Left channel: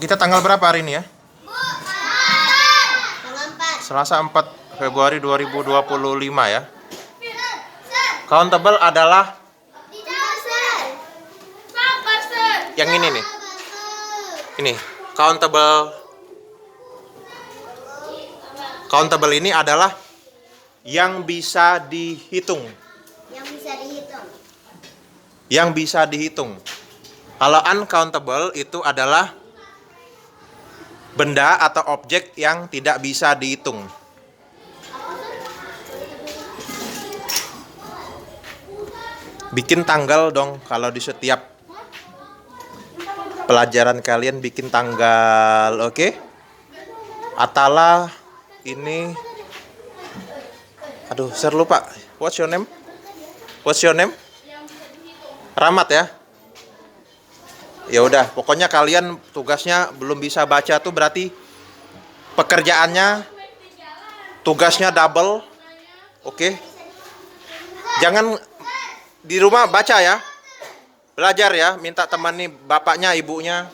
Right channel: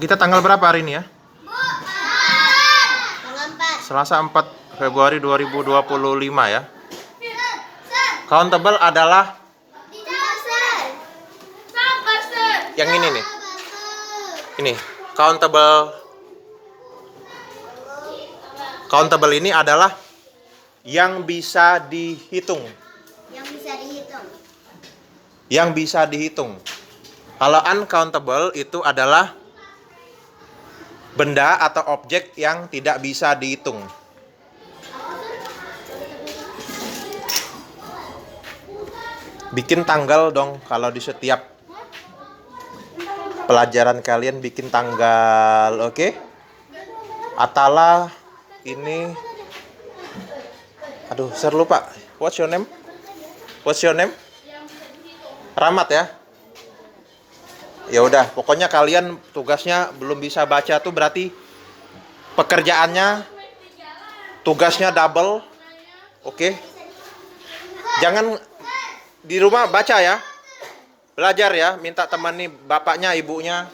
Kita tanggal berapa hari ini ya? Tanggal 4. Selasa 4 Februari 2025 ya. Countable adalah yang ini nih. Ini, countable. Countable ini adalah yang bisa dihitung. Yang bisa dihitung. Yang bisa dihitung. Kalau uncountable itu adalah benda atau objek yang tidak bisa dihitung. Bikin tanggal dong kalau di setiap pelajaran kalian bikin tanggal, oke? Atala ini, aduh, saya lupa. What's your name? What's your name? Rahmat ya. Ya udah, pokoknya kalian tugasnya belum bisa baca tuh berarti pekerjaannya tugasnya double. Oke. Jangan di rumah baca ya. Belajar ya, minta teman nih bapaknya, ibunya.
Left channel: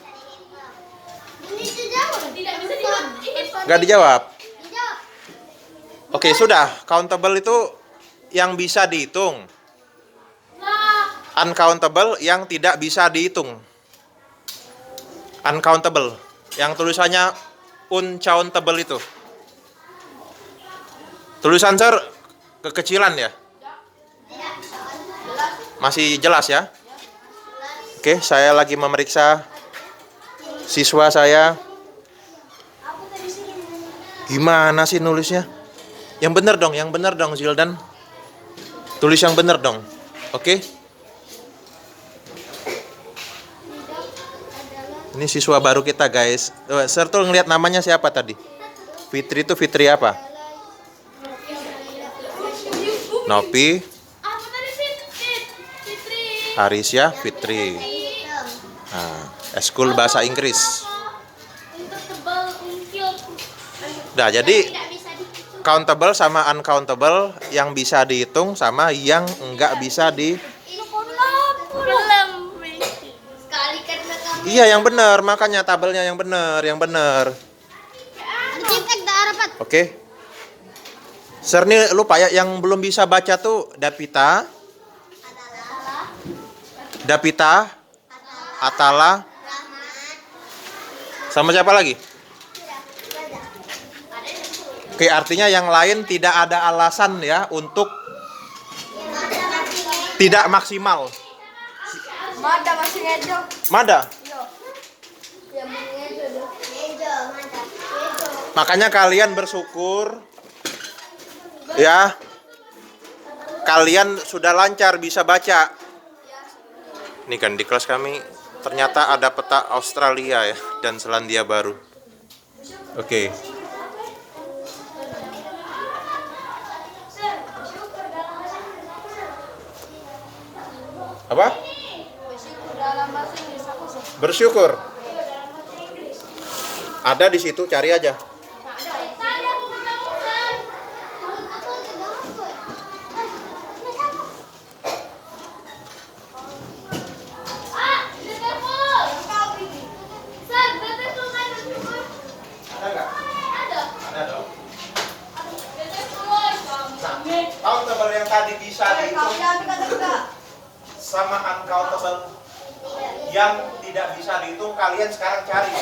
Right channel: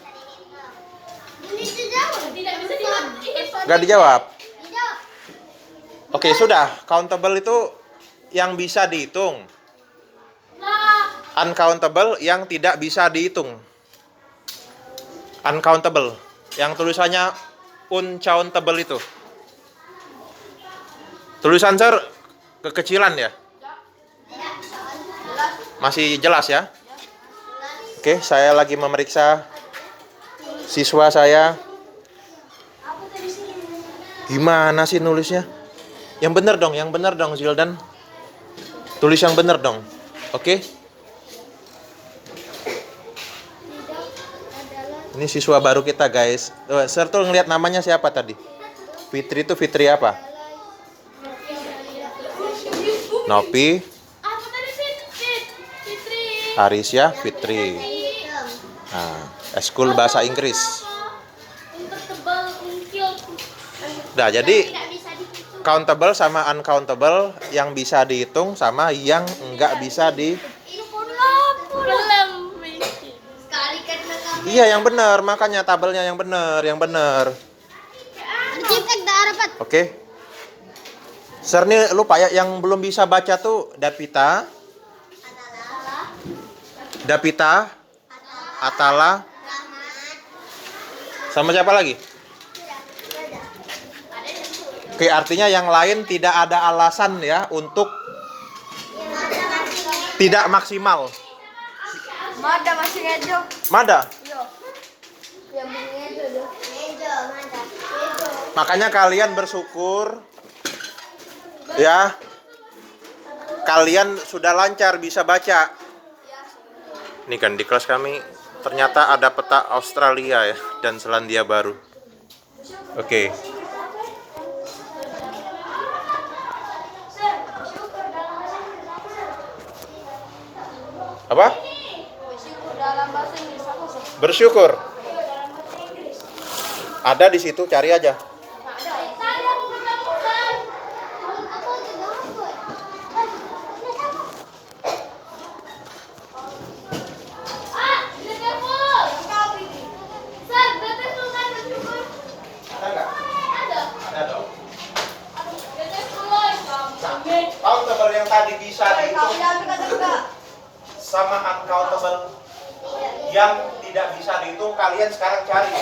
Gak dijawab. Oke, sudah. Countable itu yang bisa dihitung. Uncountable yang tidak bisa dihitung. Uncountable, yang tulisannya uncountable itu. Tulisan sir kekecilan ya? Masih jelas ya? Oke, saya lagi memeriksa siswa saya. Gimana sih nulisnya? Yang bener dong Zildan. Tulis yang bener dong. Oke? Ini siswa baru kita guys. Sir tuh ngeliat namanya siapa tadi? Fitri itu Fitri apa? Nopi. Arisya Fitri. Nah, eskul bahasa Inggris. Nah, jadi countable sama uncountable, yang bisa dihitung sama yang enggak bisa di. Iya, yang benar, makanya tabelnya yang benar, Oke. Sir nih lupa ya, yang belum bisa baca tuh Dapita, Atala, sama siapa lagi? Oke, artinya yang lain tidak ada alasan ya untuk tidak maksimal. Mada masih ngejo. Mada. Iya. Ngejo. Makanya kalian bersyukur ya. Kalian sudah lancar bisa baca. Ini kan di kelas kami ternyata ada peta Australia ya dan Selandia Baru. Oke. Apa? Bersyukur. Ada di situ, cari aja. Countable yang tadi bisa dihitung sama uncountable yang tidak bisa dihitung, kalian sekarang cari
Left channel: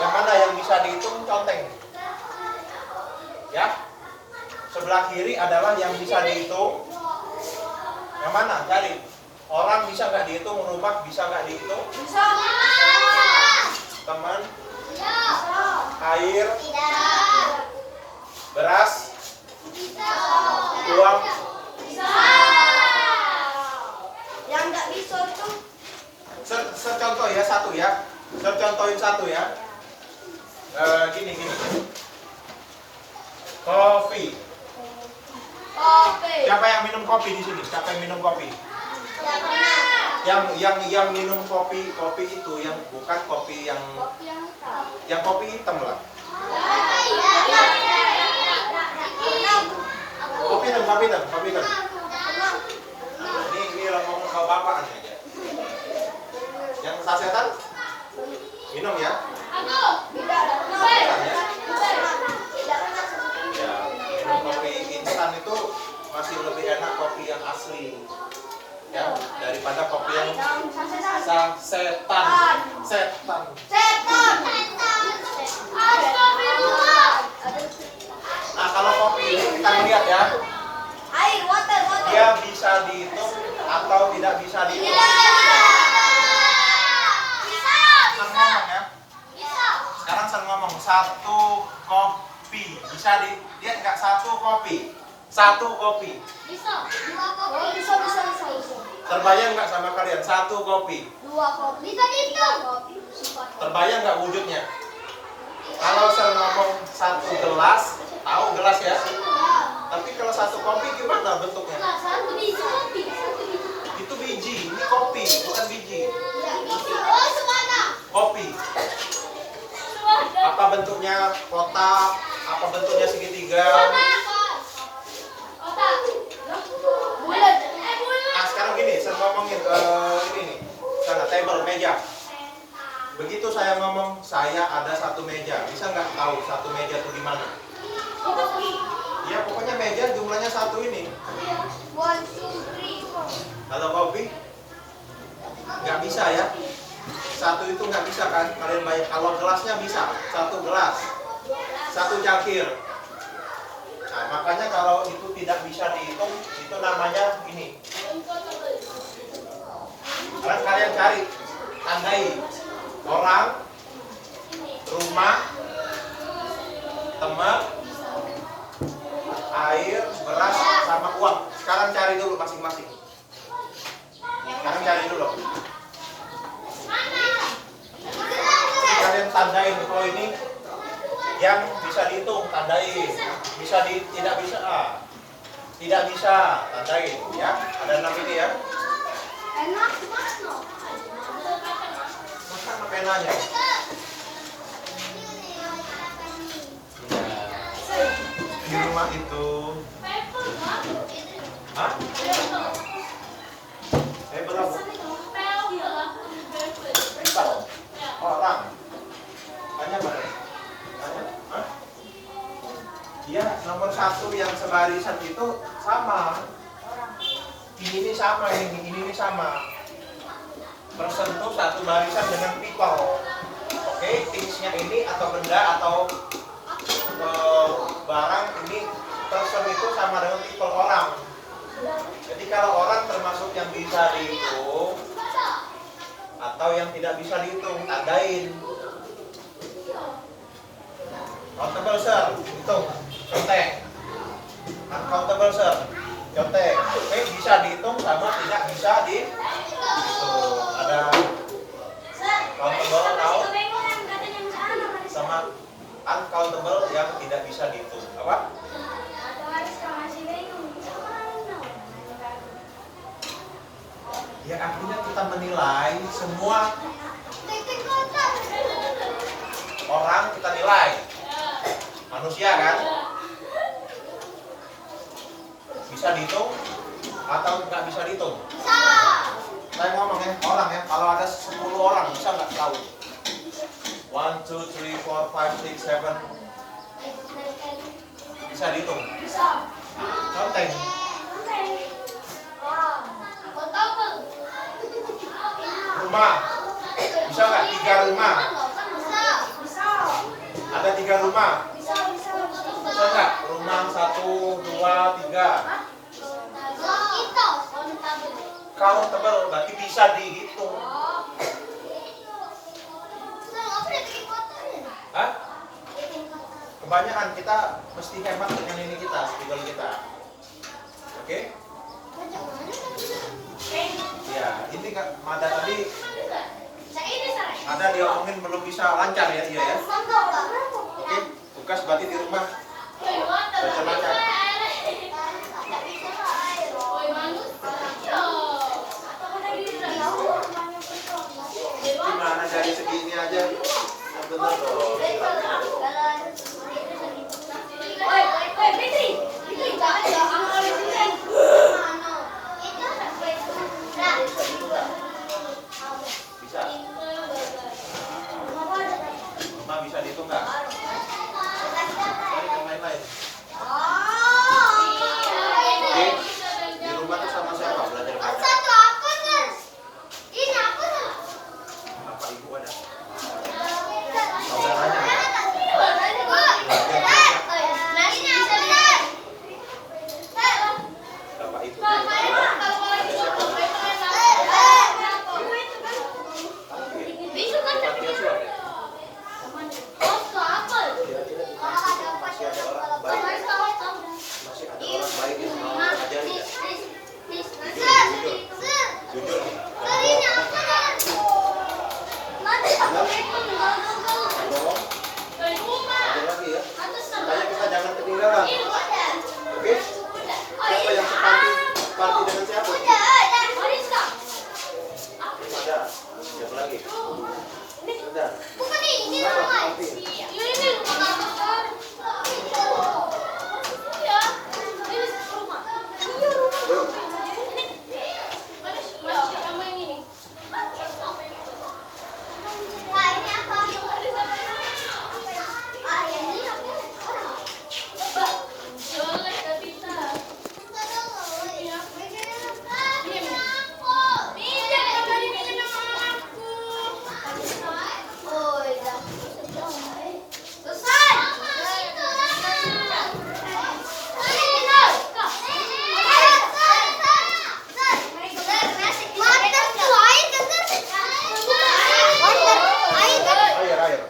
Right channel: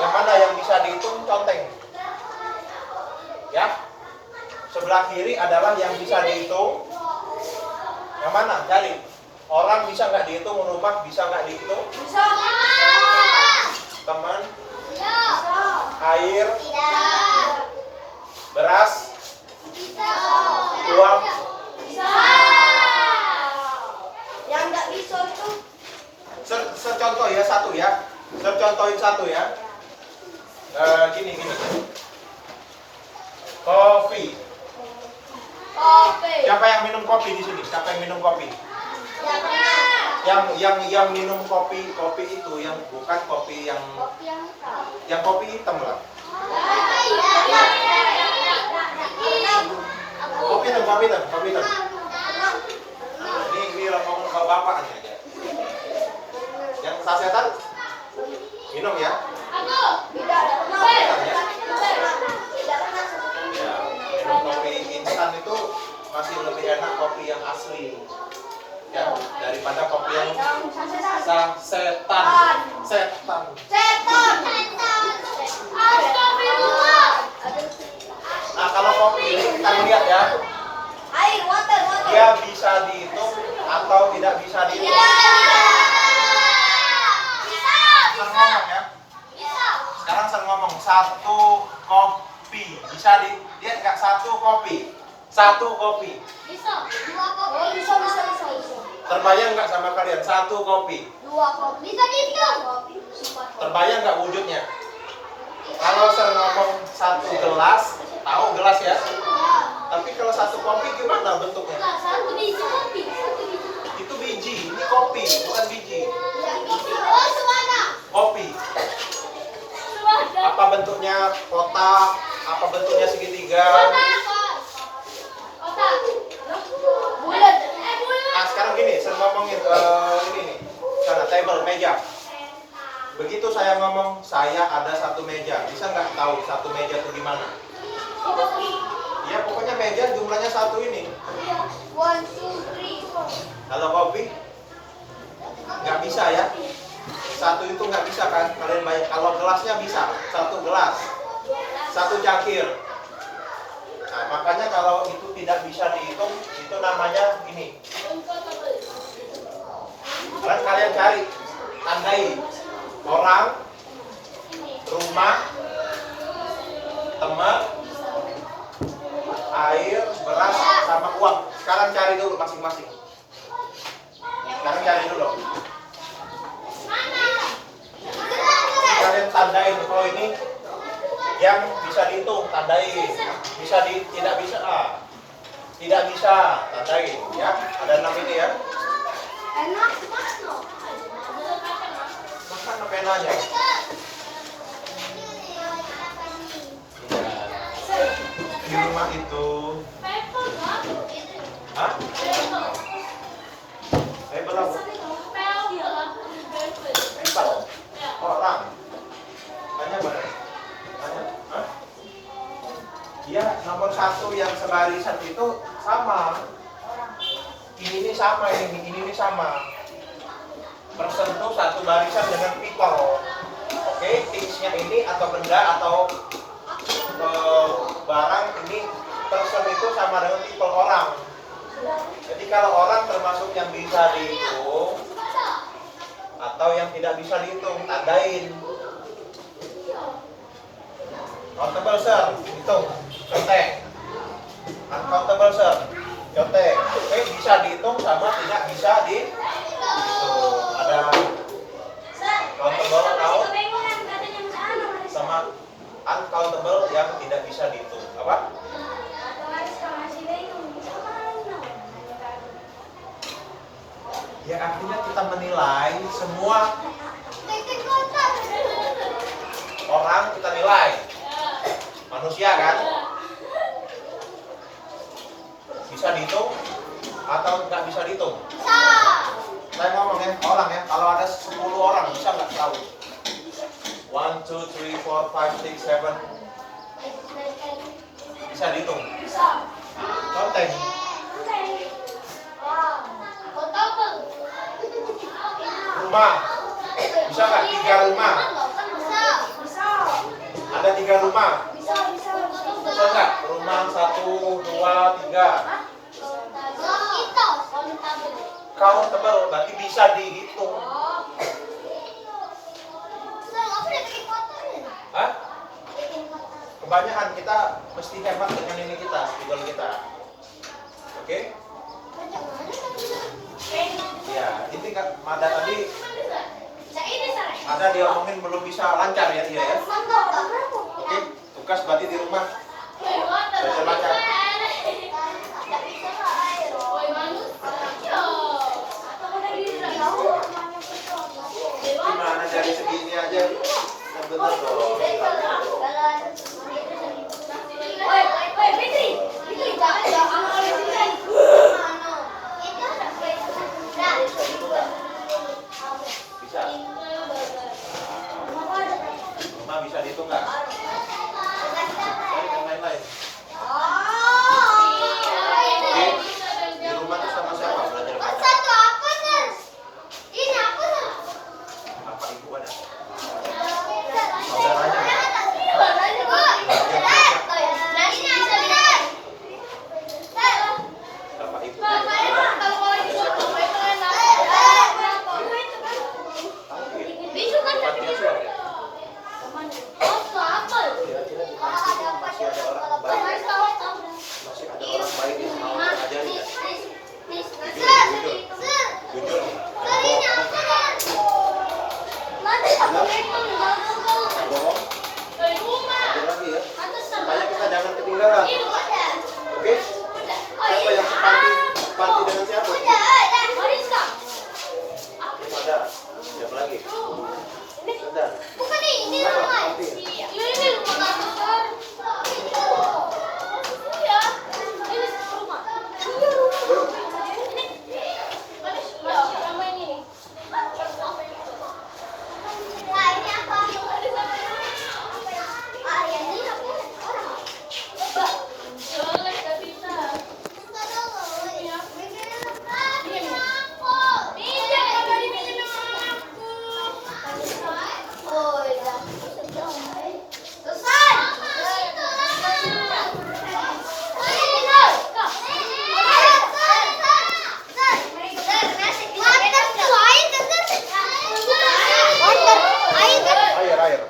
yang mana yang bisa dihitung, conteng ya. Sebelah kiri adalah yang bisa dihitung, yang mana cari. Orang bisa nggak dihitung, rumah bisa nggak dihitung, Bisa. teman, air, beras, uang. Yang nggak bisa itu. Contoh ya satu ya. Contohin satu ya. Gini. Kopi. Siapa yang minum kopi di sini? Siapa yang minum kopi? Yang minum kopi itu yang bukan kopi yang kopi hitam lah. Kopi hitam. Ini ngomong sama bapak aja. Yang sasetan? Minum ya. Tidak ada. Ya, minum kopi instan itu masih lebih enak kopi yang asli. Ya, daripada kopi yang setan. Setan. Nah, kalau kopi ini kita lihat ya, Air, water. dia bisa dihitung atau tidak bisa dihitung. Saya ngomong ya. Sekarang saya ngomong satu kopi. Bisa dilihat nggak satu kopi? Satu kopi. Bisa. Terbayang nggak sama kalian? Satu kopi. 2 kopi. Bisa dihitung. Terbayang nggak wujudnya? Kalau saya ngomong satu gelas, tahu gelas ya? Tapi kalau satu kopi gimana bentuknya? Satu biji kopi. Itu biji, ini kopi, bukan biji. Oh, semana. Kopi. Apa bentuknya? Kotak? Apa bentuknya segitiga? Bulat. Nah sekarang gini, saya ngomongin ini nih, sana table, meja. Begitu saya ngomong, saya ada satu meja. Bisa nggak tahu satu meja itu gimana? Ya pokoknya meja jumlahnya satu ini. 1, 2, 3. Kalau kopi nggak bisa ya. Satu itu nggak bisa kan? Kalian bayar. Kalau gelasnya bisa, satu gelas, satu cangkir. Nah, makanya kalau itu tidak bisa dihitung, itu namanya ini. Dan kalian cari, tandai orang, rumah, teman, air, beras, sama uang. Sekarang cari dulu masing-masing. Sekarang cari dulu. Kalian tandain kalau ini yang bisa dihitung, tandain. Tidak bisa, tidak bisa, tandain ya. Ada 6 ini ya. Enak. Makan pakai nanya. Di rumah itu, hah? Saya belum. Bisa loh. Orang. Tanya mana? Tanya? Hah? Dia nomor 1 yang sebarisan itu sama. Ini sama, ini sama. Bersentuh satu barisan dengan people. Oke, thingsnya ini atau benda atau barang ini person itu sama dengan people orang. Jadi kalau orang termasuk yang bisa dihitung atau yang tidak bisa dihitung, tandain. Countable sir, hitung, contek. Uncountable sir, contek. Oke, bisa dihitung sama tidak bisa dihitung. Ada countable out sama uncountable yang tidak bisa dihitung. Apa? Ya akhirnya kita menilai semua orang, kita nilai manusia kan bisa dihitung atau nggak bisa dihitung. Saya ngomong ya, orang ya, kalau ada 10 orang bisa nggak tahu? 1, 2, 3, 4, 5, 6, 7 bisa dihitung. Conteng. Rumah bisa nggak? 3 rumah. Ada 3 rumah. Bisa nggak? Rumah 1, 2, 3. Countable berarti bisa dihitung. Hah? Kebanyakan kita mesti hemat dengan ini kita, spidol kita. Oke? Ya, ini kan ada tadi ada dia omongin belum bisa lancar ya dia ya. Oke, tugas berarti di rumah bisa lancar. Gimana dari segini aja? Benar dong. Bisa. dihitung nggak? Cari yang lain-lain. Di rumah tuh sama siapa belajar baca? Satu apa nih? Ini apa nih? Apa ibu ada? Saudaranya. Bapak ibu. Panti asuhan ya? Kira-kira di panti masih ada orang baik. Masih ada orang baik yang mau mengajari ya? Jujur nih. Halo. Ada lagi ya. Supaya kita jangan ketinggalan. Oke? Siapa yang panti dengan siapa? Ada. Siapa lagi? Ada. Bukan ini Apa namanya. panti? Ini bukan besar. Ya. Ini rumah. Sama ini. Wah, ini apa? Ah, ini apa? Ya, nggak bisa. Enggak tahu. Ini apa? Ini. Oh, iya. Air.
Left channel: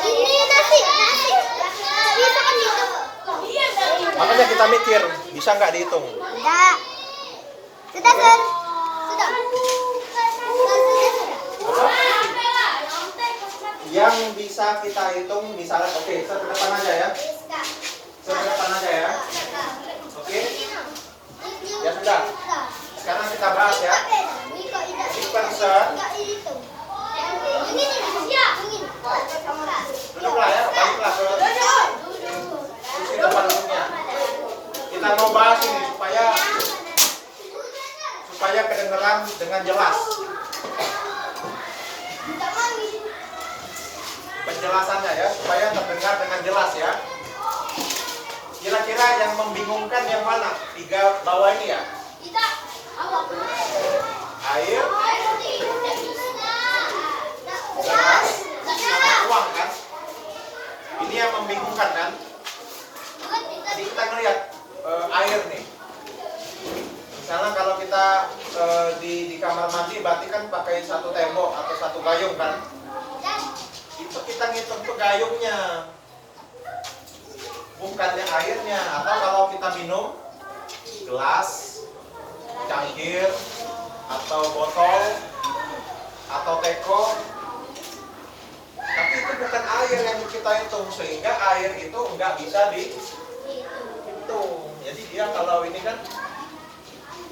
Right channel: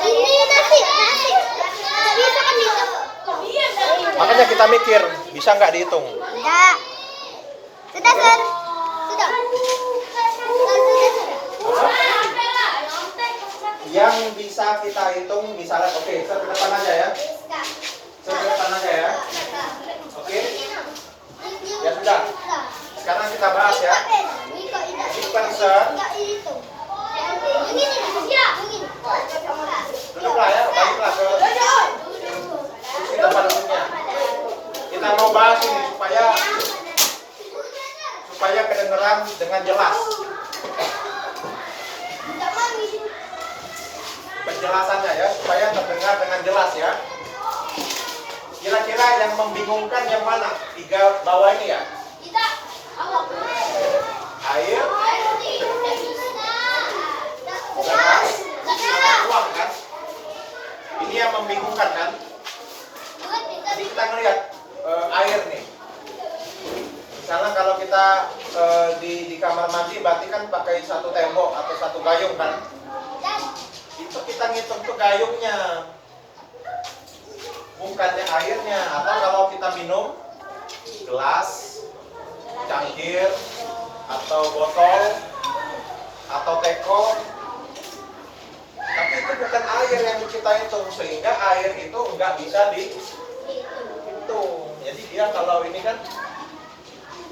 Ini nasi. Bisa kan dihitung? Makanya kita mikir, bisa nggak dihitung? Enggak. Sudah, Sir. Sudah. Yang bisa kita hitung misalnya, oke, saya ke depan aja ya. Saya ke depan aja ya. Oke. Ya sudah. Sekarang kita bahas ya. Bukan Sir. Duduklah ya, baliklah ke kursi depan umumnya. Kita mau bahas ini supaya kedengeran dengan jelas. Penjelasannya ya, supaya terdengar dengan jelas ya. Kira-kira yang membingungkan yang mana? 3 bawah ini ya? Air, beras, sama uang kan? Ini yang membingungkan kan? Jadi kita ngeliat air nih. Misalnya kalau kita di kamar mandi berarti kan pakai satu tembok atau satu gayung kan? Itu kita ngitung tuh gayungnya, bukannya airnya. Atau kalau kita minum gelas, cangkir, atau botol, atau teko, tapi itu bukan air yang kita hitung, sehingga air itu nggak bisa dihitung. Jadi dia kalau ini kan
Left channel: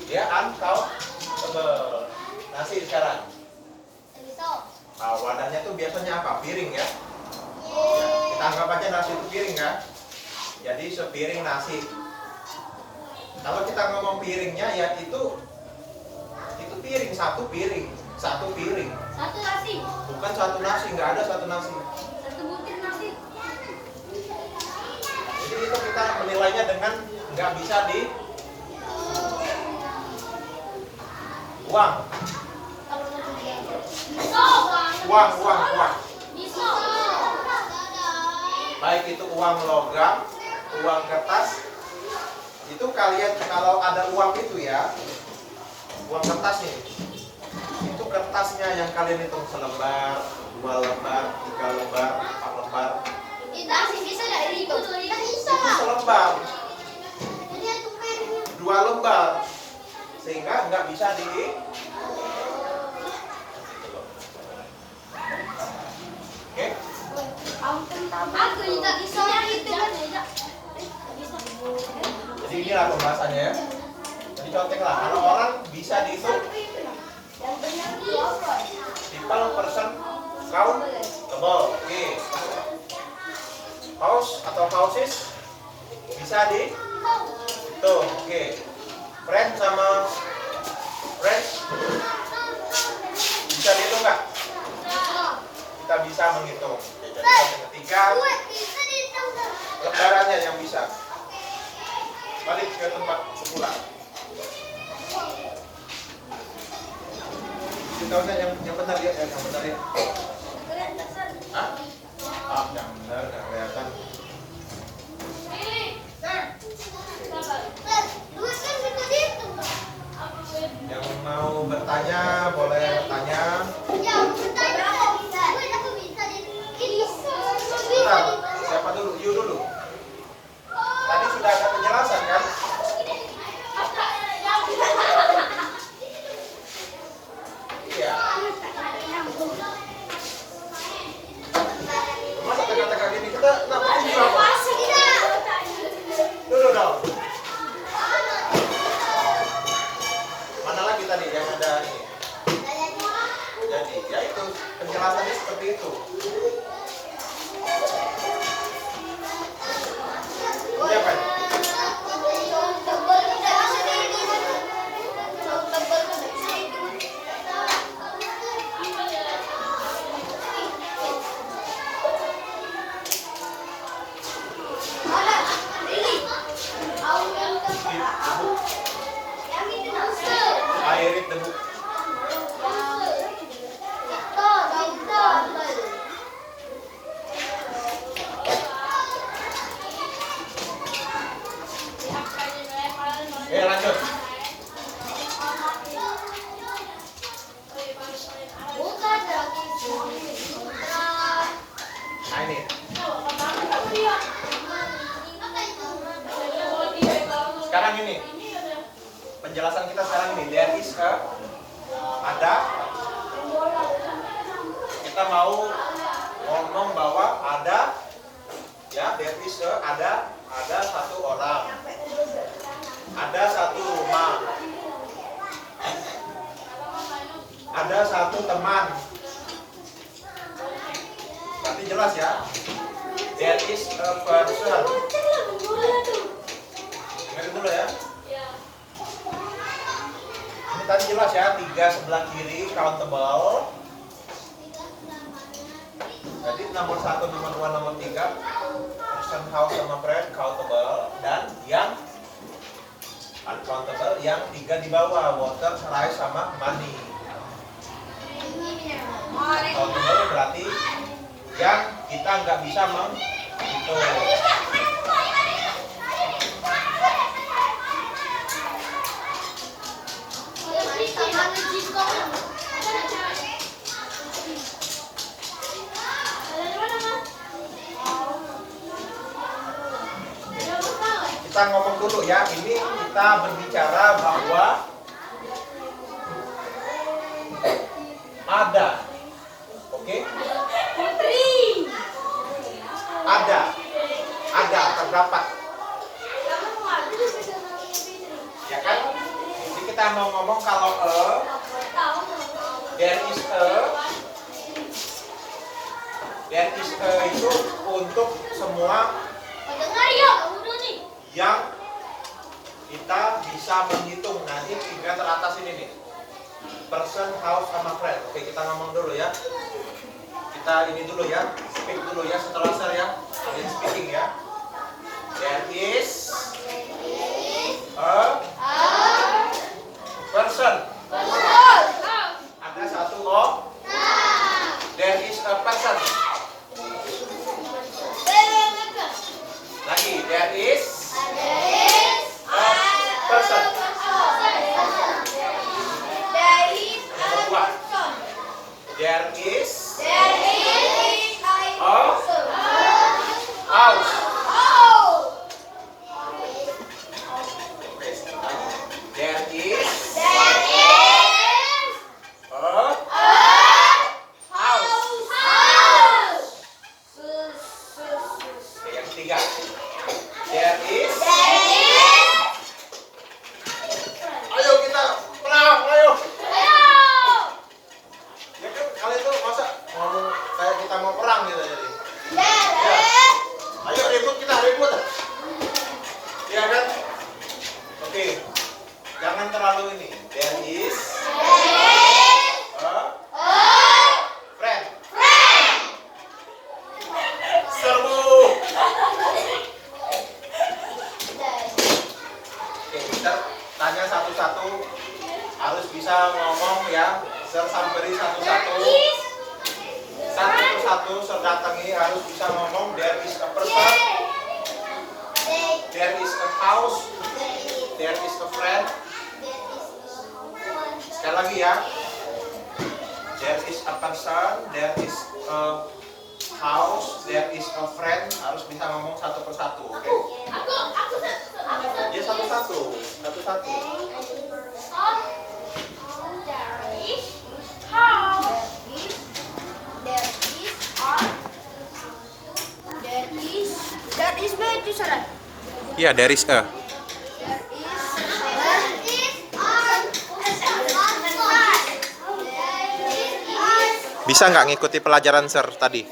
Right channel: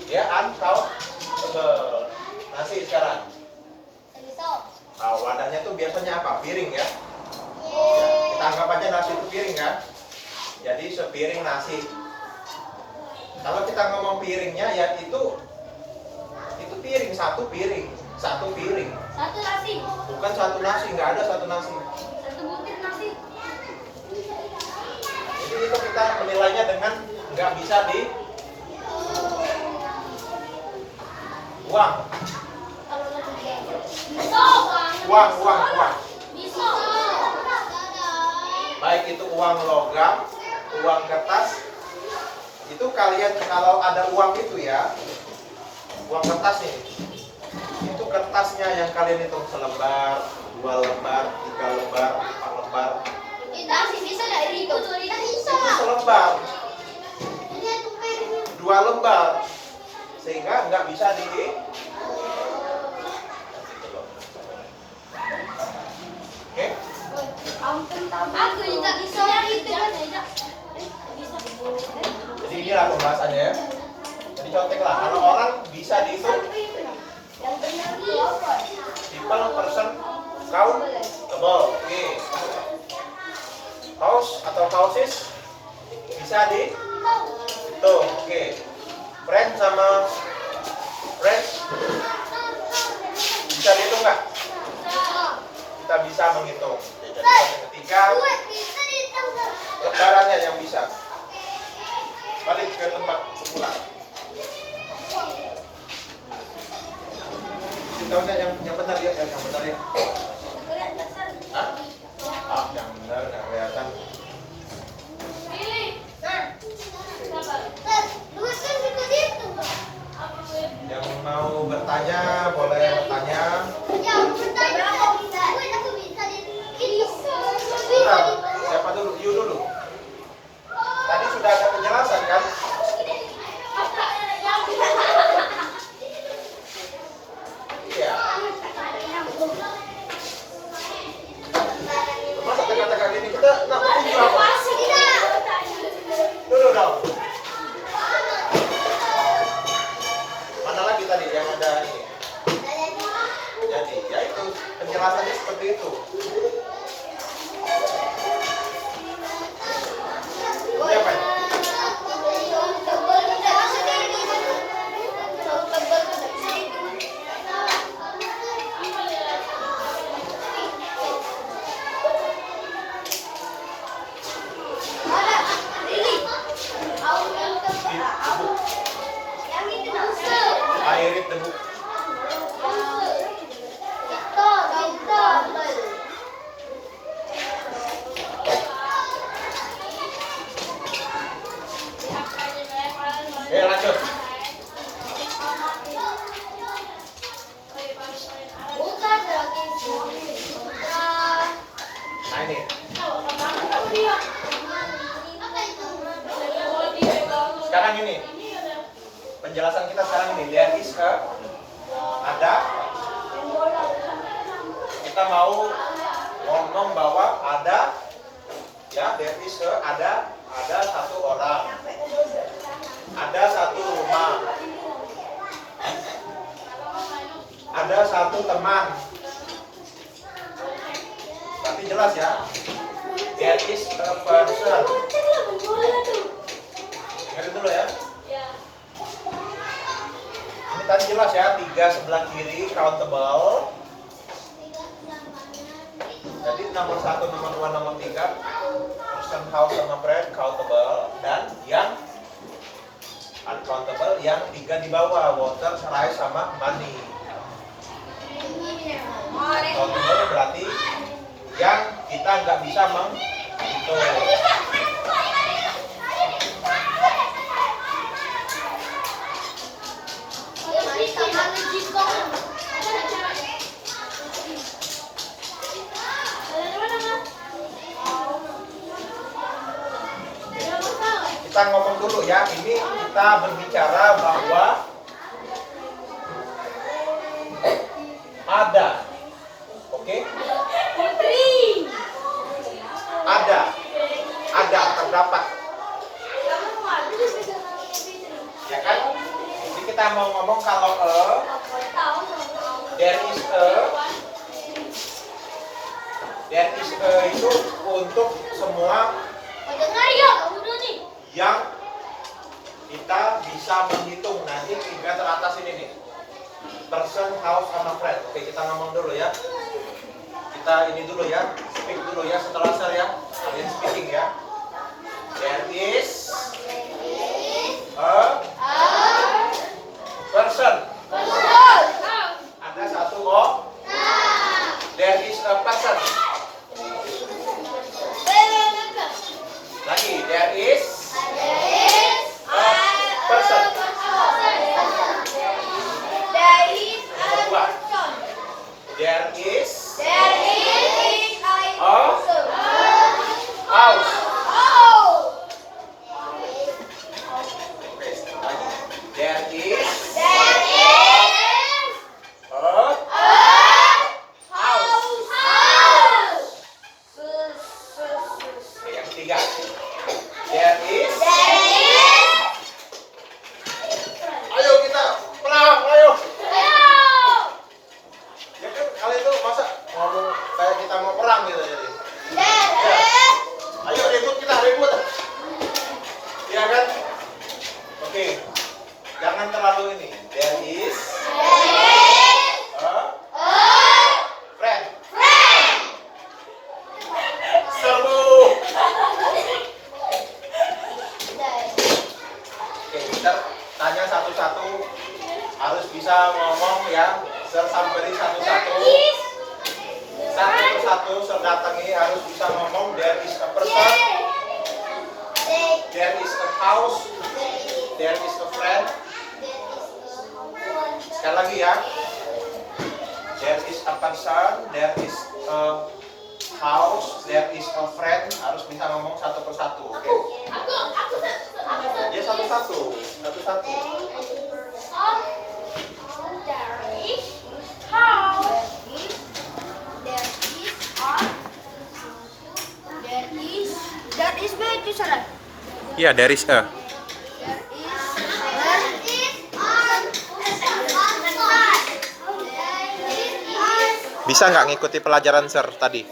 dia untouchable. Nasi sekarang. Wadahnya tuh biasanya apa? Piring ya. Kita anggap aja nasi itu piring kan. Jadi sepiring nasi. Kalau kita ngomong piringnya ya itu piring, satu piring. Satu nasi. Bukan satu nasi, nggak ada satu nasi. Satu butir nasi. Jadi itu kita menilainya dengan nggak bisa di uang. Uang. Baik itu uang logam, uang kertas. Itu kalian kalau ada uang itu ya, uang kertas nih. Itu kertasnya yang kalian hitung selembar, 2 lembar, 3 lembar, 4 lembar. Nasi bisa nggak dihitung? Bisa. Itu selembar, 2 lembar, sehingga nggak bisa di. Oke? Aku juga bisa hitung. Jadi inilah pembahasannya ya. Jadi contohnya kalau orang bisa dihitung Yang benar itu apa? people, person, countable. Oke. House atau houses bisa dihitung. Oke. Friend sama friends bisa dihitung nggak? kita bisa menghitung. Jadi yang ketiga, lembarannya yang bisa. Balik ke tempat semula. Kita yang benar ya, yang benar ya. Hah? Ah, yang benar, yang kelihatan. Yang mau bertanya boleh bertanya. Bentar, siapa dulu? You dulu. Tadi sudah ada penjelasan kan? Iya. Masa teka-teka gini kita nak petunjuk apa? Dulu dong. Mana lagi tadi yang ada ini? Jadi, ya itu penjelasannya seperti itu. Ini apa ini? I read the book. Lanjut. Nah ini. Sekarang ini. Penjelasan kita sekarang ini. There is a. Ada. Kita mau ngomong bahwa ada. Ya, there is a. Ada satu orang. Ada satu rumah. Ada satu teman. Tapi jelas ya. There is a person. Ingat dulu ya. Ini tadi jelas ya. 3 sebelah kiri countable. Jadi nomor 1, nomor 2, nomor 3 person, house, sama friend countable. Dan yang uncountable yang 3 di bawah, water, rice, sama money. Uncountable berarti yang kita nggak bisa menghitung. Kita ngomong dulu ya, ini kita berbicara bahwa ada, oke? Ada, terdapat. Ya kan? Jadi kita mau ngomong kalau there is a itu untuk semua yang kita bisa menghitung. Nanti 3 teratas ini nih, person, house, sama friend. Oke, kita ngomong dulu ya. Kita ini dulu ya, speak dulu ya setelah saya ya. Kalian speaking ya. There is a person. Ada satu orang. There is a person. Lagi, there is a person. Nomor 2. There is a house. There is yang ketiga. There is. Ayo kita perang, ayo. Ya kan kalian itu masa ngomong kayak kita mau perang gitu jadi. Ya. Ayo ribut kita ribut. Ya kan? Oke. Jangan terlalu ini. There is a friend. harus bisa ngomong there is a person, there is a house, there is a friend. Sekali lagi ya. There is a person, there is a house, there is a friend. Harus bisa ngomong satu persatu, oke? Ya satu-satu. Iya, there is a. Bisa nggak ngikuti pelajaran Sir tadi?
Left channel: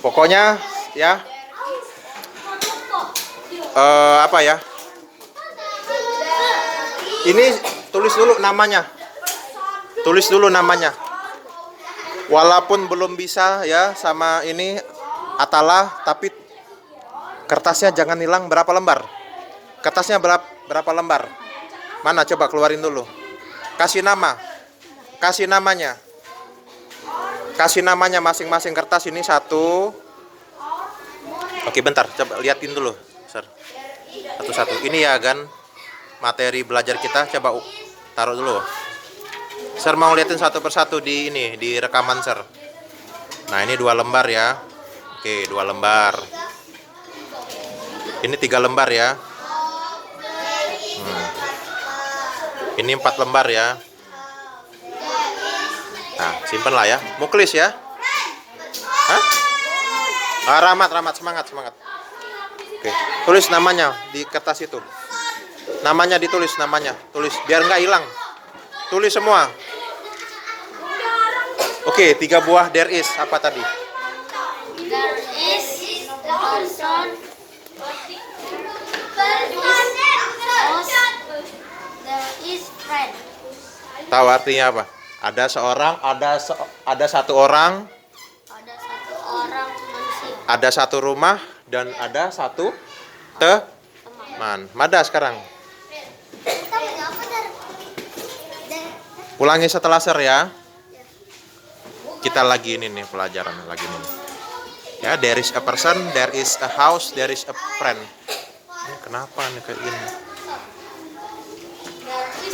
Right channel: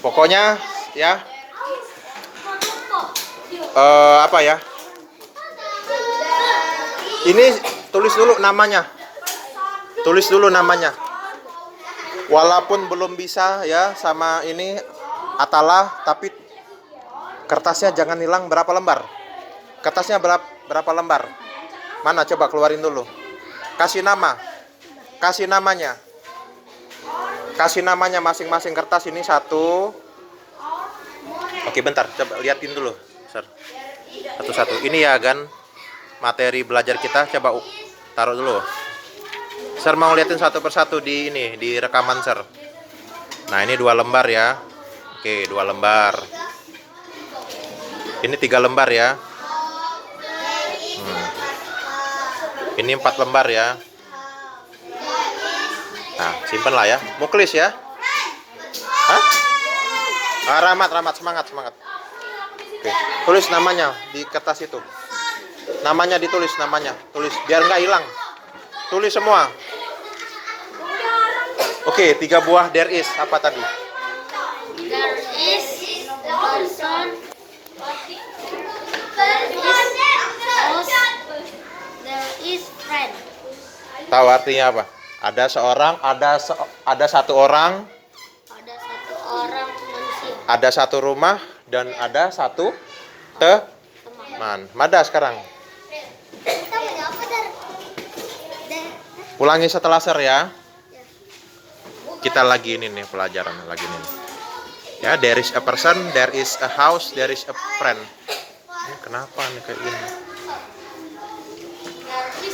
Pokoknya ya, apa ya? Ini tulis dulu namanya. Tulis dulu namanya. Walaupun belum bisa ya sama ini Atala, tapi kertasnya jangan hilang. Berapa lembar? Kertasnya berapa lembar? Mana, coba keluarin dulu. Kasih nama. Kasih namanya. Kasih namanya masing-masing kertas ini satu. Oke, bentar, coba liatin dulu, Sir. Satu-satu. Ini ya kan materi belajar kita, coba taruh dulu. Sir mau liatin satu persatu di ini, di rekaman Sir. Nah, ini 2 lembar ya. Oke, 2 lembar. Ini 3 lembar ya. Ini 4 lembar ya. Nah, simpen lah ya. Muklis ya. Hah? Rahmat, semangat. Oke, tulis namanya di kertas itu. Namanya ditulis, namanya. Tulis, biar nggak hilang. Tulis semua. Oke, 3 buah there is. Apa tadi? There is person. There is friend. Tahu artinya apa? Ada seorang, ada satu orang, Ada satu orang manusia. ada satu rumah, dan ada satu teman. Mada sekarang. Kita apa dari? Ulangi setelah Sir ya. Kita lagi ini nih pelajaran lagi nih. Ya, there is a person, there is a house, there is a friend. Ini kenapa nih kayak ini?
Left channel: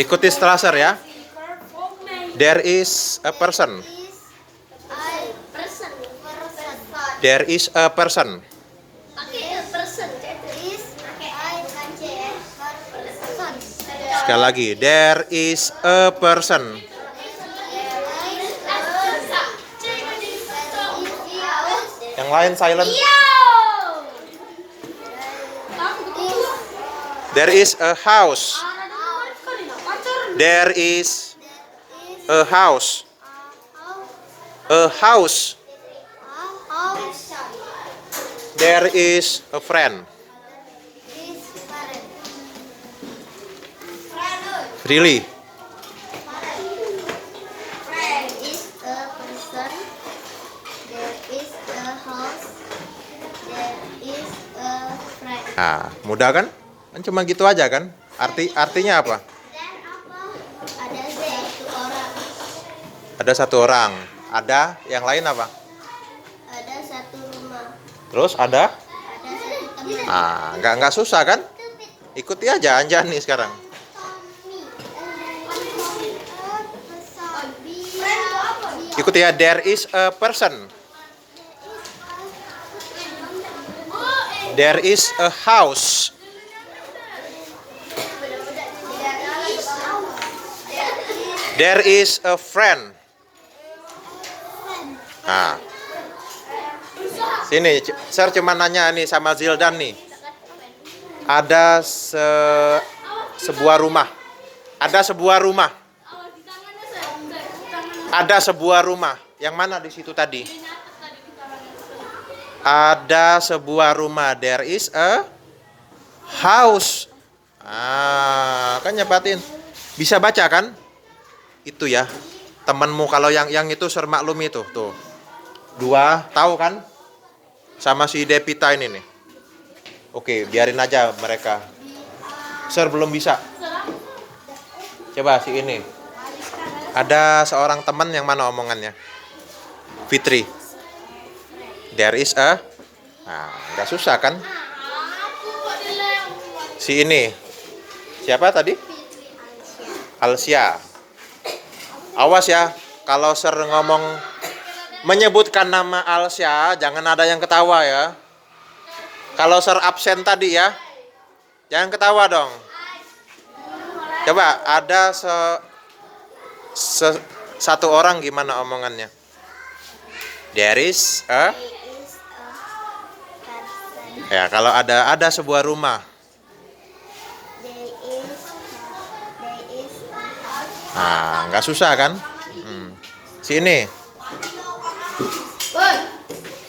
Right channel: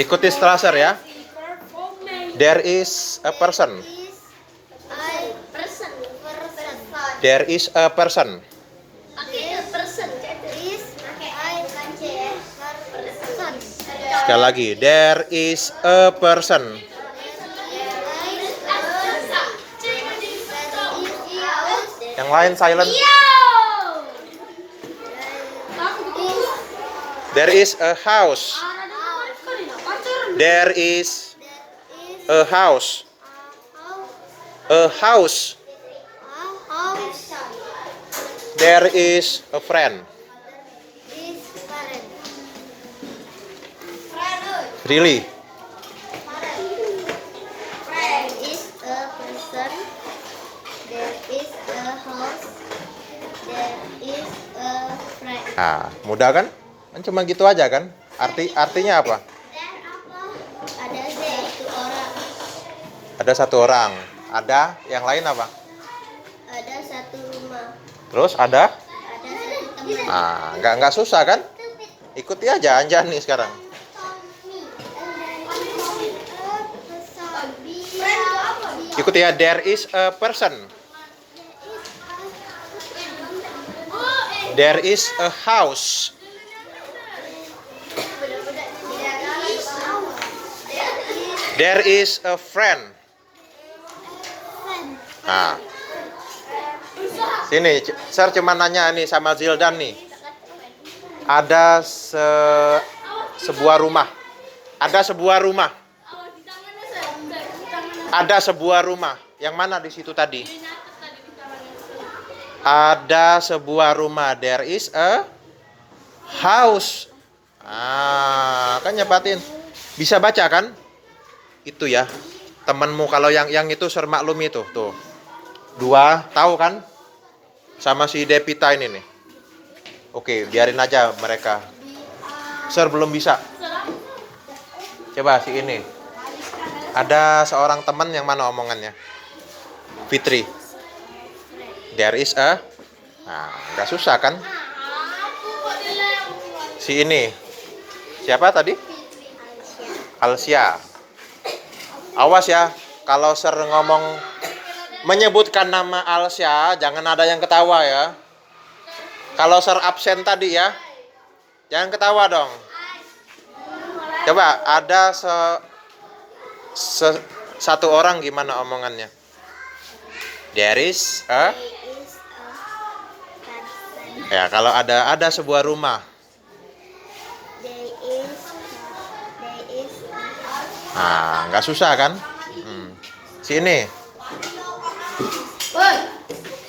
Ikuti setelah Sir ya. There is a person. There is a person. Sekali lagi, there is a person. Yang lain silent. There is a house. There is a house. A house. There is a friend. Really? There is a person. There is a house. There is a friend. Nah, mudah kan? Kan cuma gitu aja kan? Artinya apa? Ada satu orang. Ada yang lain apa? Ada satu rumah. Terus ada? Ada satu teman. Nah, nggak susah kan? Ikuti aja Anjani sekarang. Ikuti ya, there is a person. There is a house. There is a friend. Nah, sini, Sir cuma nanya nih sama Zildan nih. Ada sebuah rumah. Ada sebuah rumah. Ada sebuah rumah. Yang mana di situ tadi? Ada sebuah rumah. There is a house. Kan nyepatin. Bisa baca kan? Itu ya. Temanmu kalau yang itu Sir maklum itu tuh. 2, tahu kan? Sama si Depita ini nih. Oke, biarin aja mereka. Sir belum bisa. Coba si ini. Ada seorang teman yang mana omongannya? Fitri. There is a. Nah, nggak susah kan? Aku adalah yang Si ini. Siapa tadi? Alsia. Awas ya, kalau sering ngomong menyebutkan nama Alsia, jangan ada yang ketawa ya. Kalau ser absen tadi ya, jangan ketawa dong. Coba ada satu orang gimana omongannya? There is a. Ya, kalau ada sebuah rumah. Nah, nggak susah kan? Sini.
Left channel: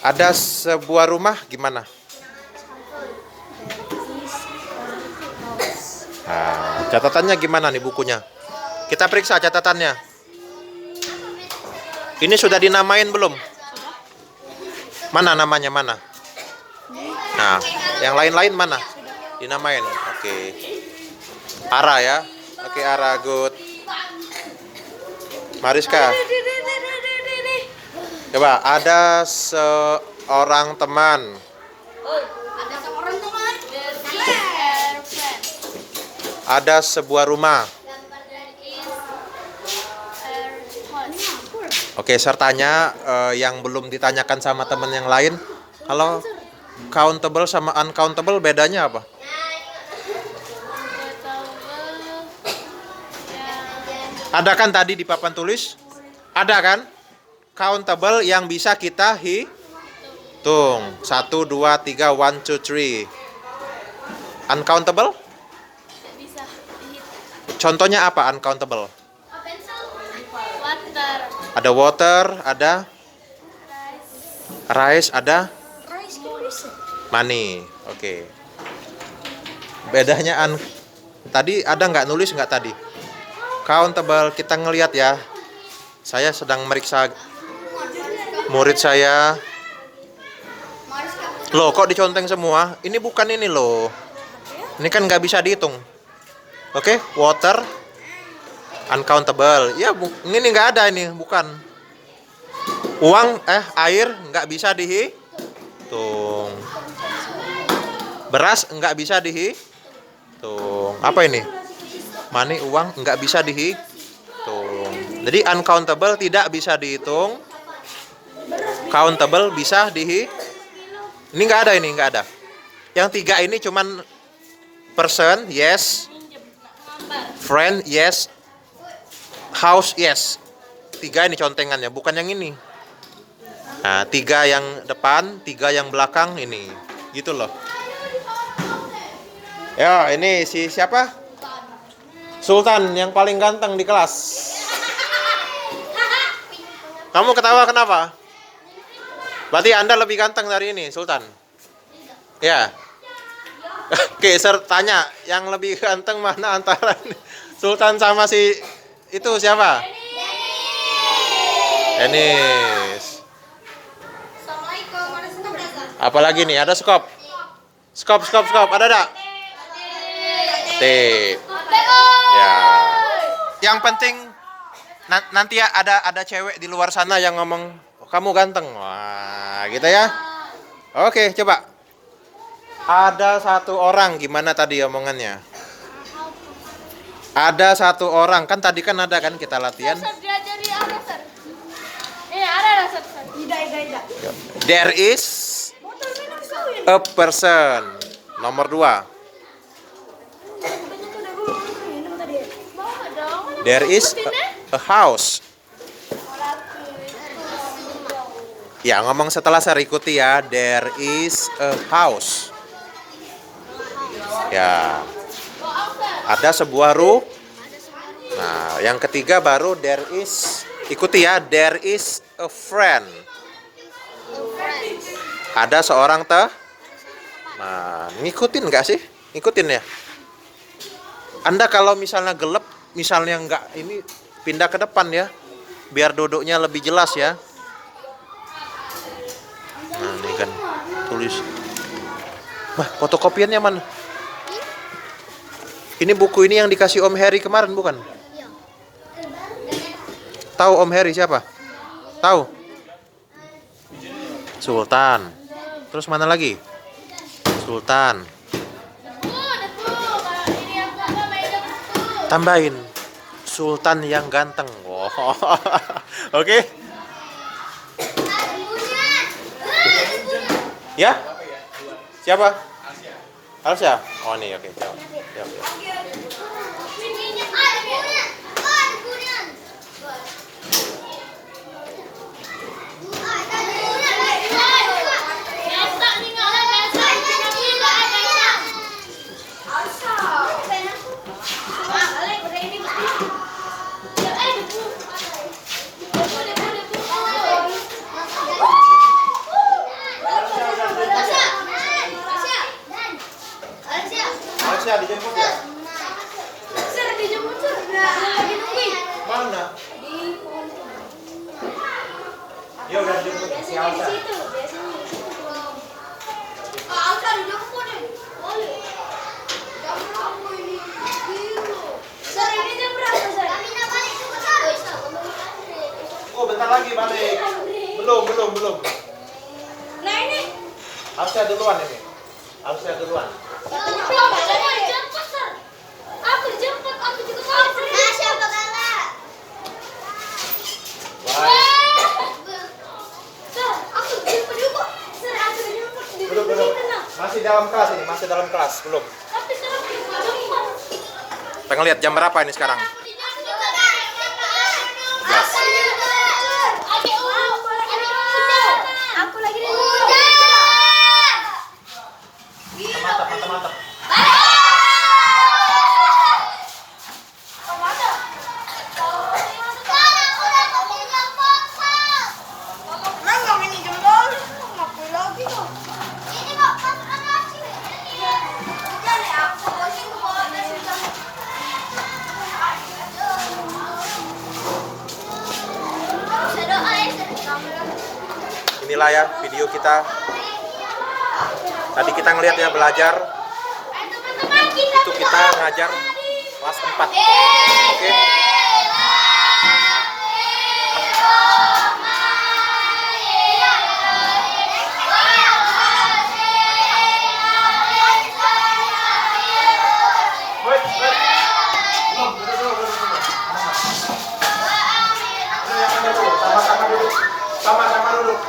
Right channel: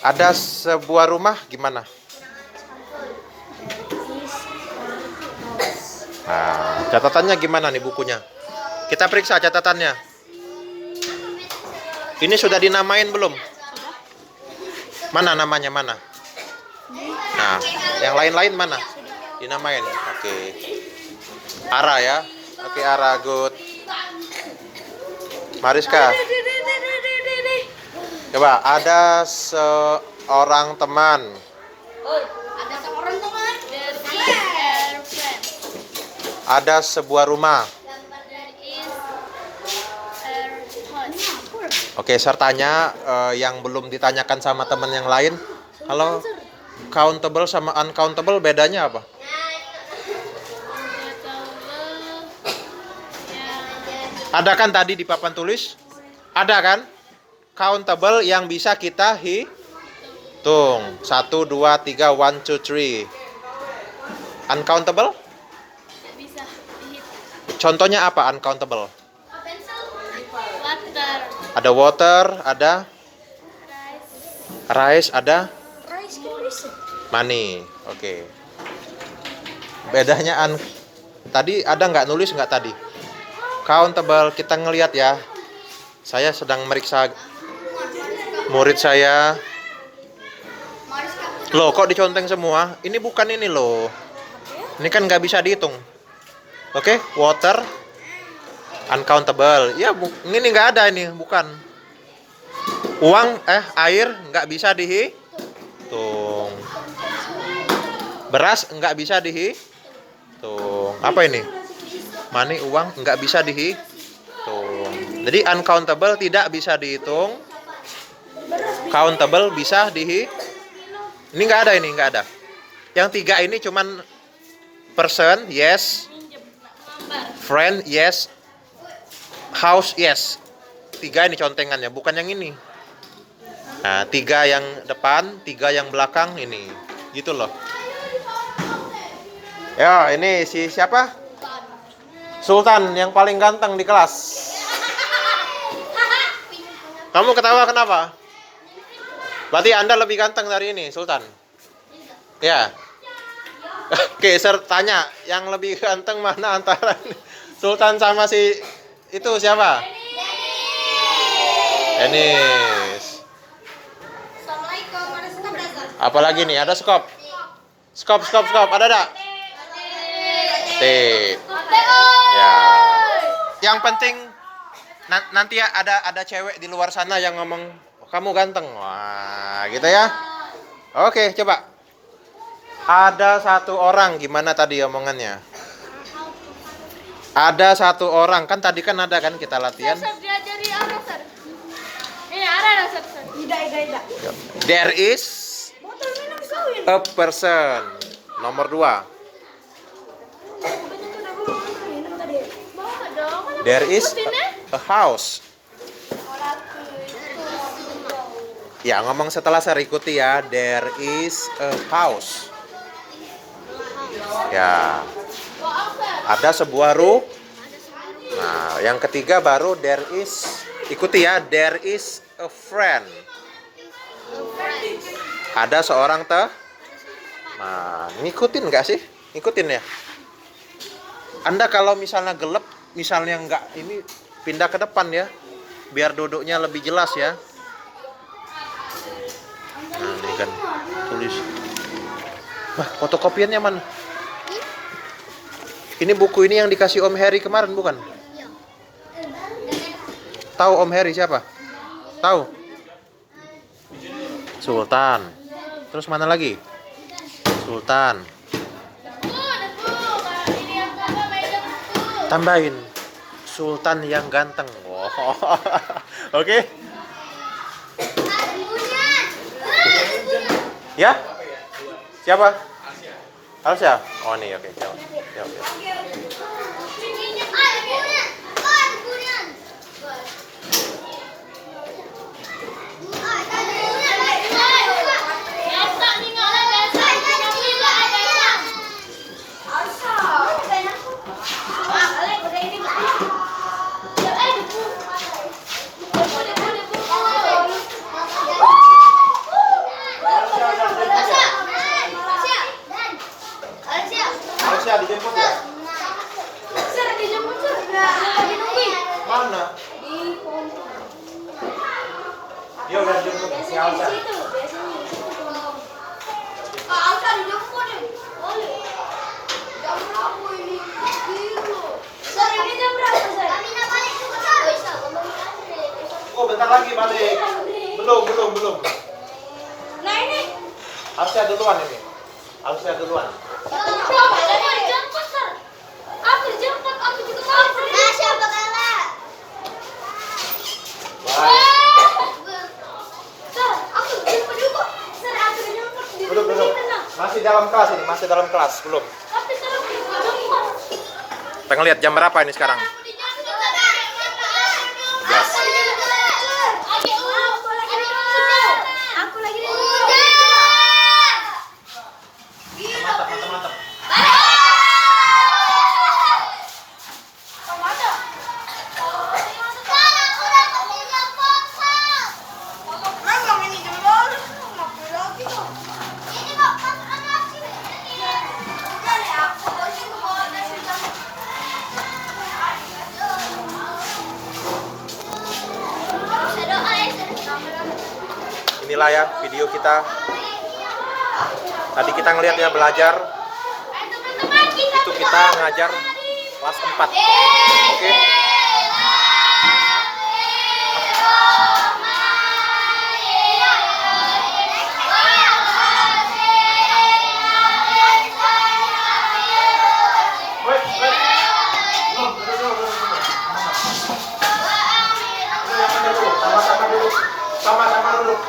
Ada sebuah rumah gimana? Nah, catatannya gimana nih bukunya? Kita periksa catatannya. Ini sudah dinamain belum? Mana namanya mana? Nah, yang lain-lain mana? Dinamain. Oke. Ara ya. Oke, Ara, good. Mariska. Coba, ada seorang teman. Ada sebuah rumah. Oke, sertanya yang belum ditanyakan sama teman yang lain. Halo, countable sama uncountable bedanya apa? Ada kan tadi di papan tulis? Ada kan? Countable yang bisa kita hitung. 1, 2, 3, 1, 2, 3. Uncountable? Contohnya apa uncountable? Ada water, ada rice, ada money. Oke. Bedanya tadi ada nggak nulis nggak tadi? Countable, kita ngelihat ya. Saya sedang meriksa murid saya. Loh, kok diconteng semua? Ini bukan ini loh. Ini kan nggak bisa dihitung. Oke, water, uncountable. Ya, ini nggak ada ini, bukan. Uang, air nggak bisa dihitung. Beras nggak bisa dihitung. Apa ini? Money, uang nggak bisa dihitung. Jadi uncountable tidak bisa dihitung. Countable bisa dihitung. Ini nggak ada, ini nggak ada. Yang 3 ini cuman person, yes. Friend, yes. House, yes. 3 ini contengannya, bukan yang ini. Nah, 3 yang depan, 3 yang belakang ini. Gitu loh. Ya, ini si siapa? Sultan yang paling ganteng di kelas. Kamu ketawa kenapa? Berarti Anda lebih ganteng dari ini, Sultan. Ya. Oke, tanya, yang lebih ganteng mana antara Sultan sama si itu siapa? Dennis. Apalagi nih, ada skop. Skop, ada enggak? Ya. Yang penting nanti ada cewek di luar sana yang ngomong kamu ganteng. Wah, gitu ya. Oke, coba. Ada satu orang, gimana tadi omongannya? Ada satu orang, kan tadi kan ada kan kita latihan. There is a person. Nomor 2. There is a house. Ya, ngomong setelah saya ikuti ya. There is a house. Ya. Ada sebuah rumah. Nah, yang ketiga baru there is. Ikuti ya. There is a friend. Ada seorang Nah, ngikutin nggak sih? Ngikutin ya. Anda kalau misalnya gelap, misalnya nggak ini, pindah ke depan ya, biar duduknya lebih jelas ya. Nah, ini kan tulis. Wah, fotokopiannya mana? Ini buku ini yang dikasih Om Harry kemarin bukan? Tahu Om Heri siapa? Tahu? Sultan. Terus mana lagi? Sultan. Tambahin Sultan yang ganteng. Wow. Oke. Ya? Siapa? Alsya? Oh nih, oke. Jawab. Alsya dijemput ya? Mana? Dia udah dijemput si Alsya. Oh, bentar lagi balik. Belum. Nah ini. Alsya duluan ini. Alsya duluan. Duduk. Masih dalam kelas ini, belum. Pengen lihat jam berapa ini sekarang? 11. Mantap. Inilah ya video kita. Tadi kita ngeliat ya belajar. Itu kita ngajar kelas 4. Oke. Sama-sama duduk.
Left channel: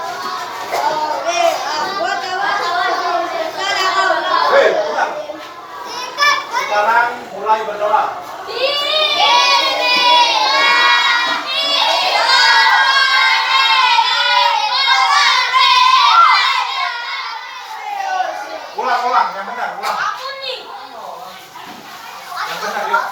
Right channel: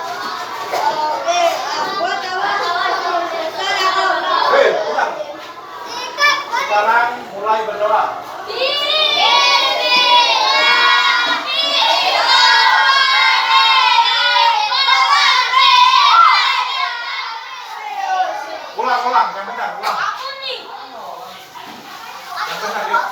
Sekarang mulai berdoa. Ulang, yang benar, ulang. Yang benar, yuk.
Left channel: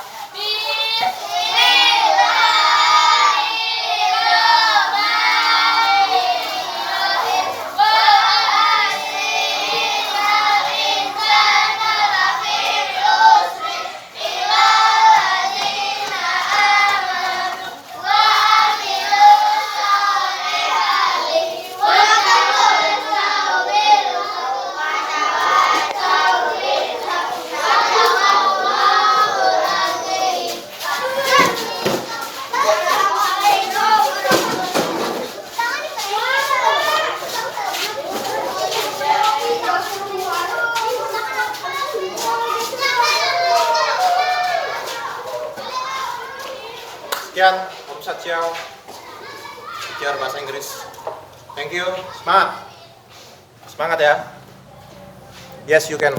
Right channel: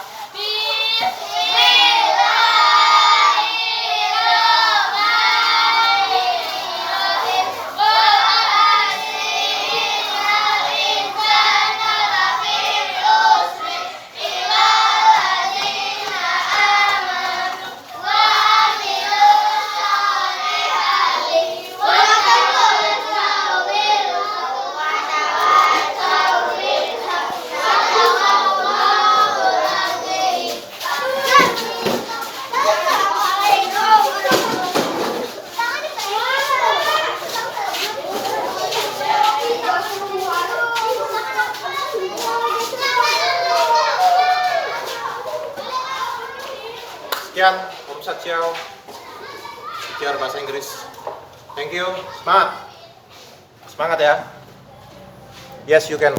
Sekian, Om Satsiao, biar bahasa Inggris. Thank you. Semangat ya. Yes, you can.